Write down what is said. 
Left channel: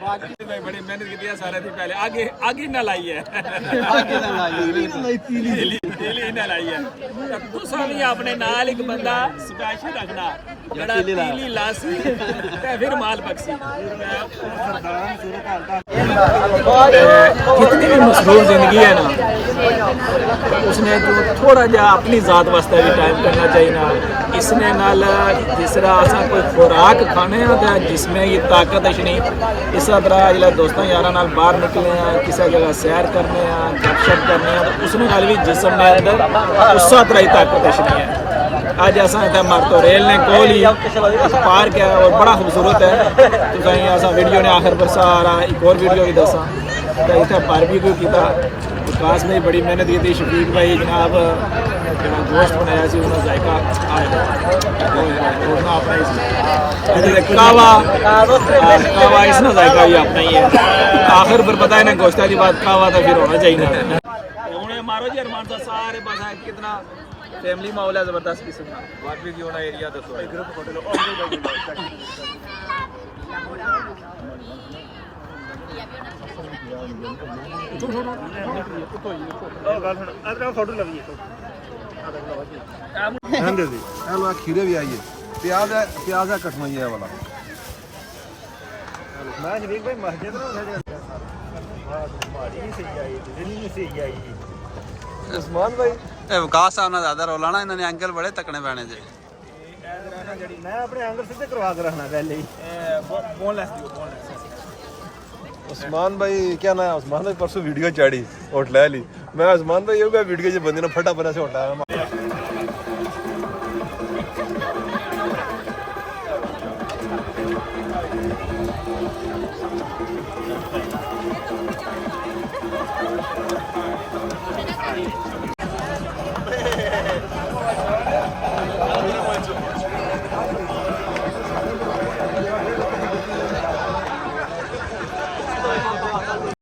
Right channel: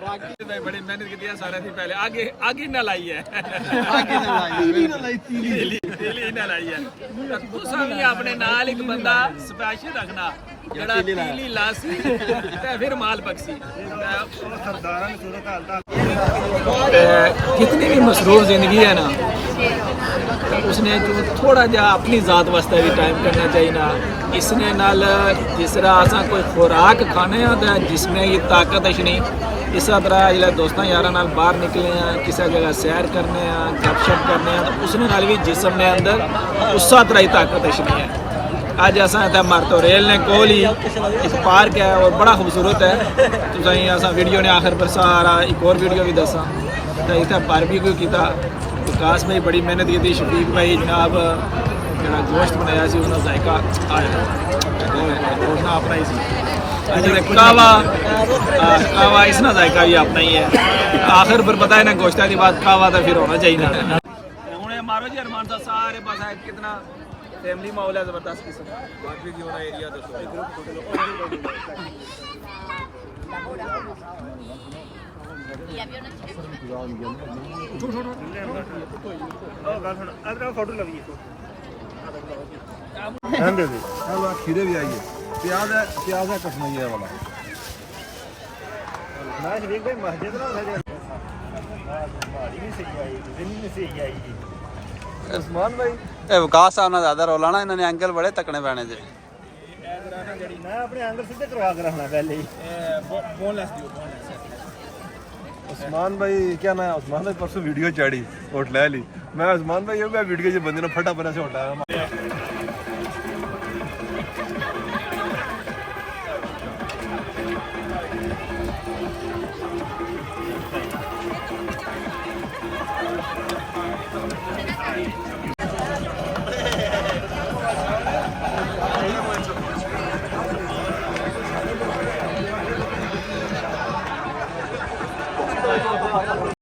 बाकी मैं बड़ी मेहनत की है सारे दिन पहले आगे आगे ना लाई है आगे ना लाई तीली तीली ना लाई है तुसा भी अपने नाल एक बंदा स्पेशल रखना जड़ा तीली लासी ते फिर माल बक्सी जितनी भी मसरूफ जिंदगी है ना उसने जो थोड़ा जा अपनी जात वास्ते भी टाइम करना चाहिए ना इसने नाल जिस तरह असा कोई खुराक खाने तो जिसमें ये ताकत अछनी इस तरह जिला दोस्तों यार नाल बाहर निकले हैं किसी जगह सैर करने हैं गपशप करने हैं तो उसने नाल भी जिसम ने अंदर उस तरह ही ताकत अछनी है। अज असा इतना मरतो रेल ने कोल ही एक पार्क है और बड़ा खूबसूरत है तो असा वीडियो ने आखिर पर सारा एक और वीडियो भी दसा तो इतना बारबेक्यू किया विकास भाई बड़ी मेहनत की थी शफीक भाई जनाब जो गोश्त बनाया सी उसका जायका आया अपना ही सी कावा कावा इसना जायका भी अपना ही है आखिर पर पता है ना गोश्ता की बात कावा तो फिर होना चाहिए ना हूँ मारो जी अरमान साहब सारे पास कितना फैमिली माहौल है जबरदस्त किस्म का एरिया खीरे भी आइए प्याज है कठनाई है वाला मैं शरीक भाई मस्जिद ना माड़ी नहीं सही आई नहीं सही आई उस्मान भाई विकास साहब ना ज्यादा रौला ना इन्होंने एंगल बड़े तकने पैने जे मैं अपने एंगल सीधे करवा कर रखना पहले ही बोनलेस दियो बोनलेस उस्मान भाई क्या ना उस्मान भाई परसों वीडियो चाड़ी होट ले ली मैं उस्मान भाई ये वीडियो जो बंदे ने फटा बना से होटा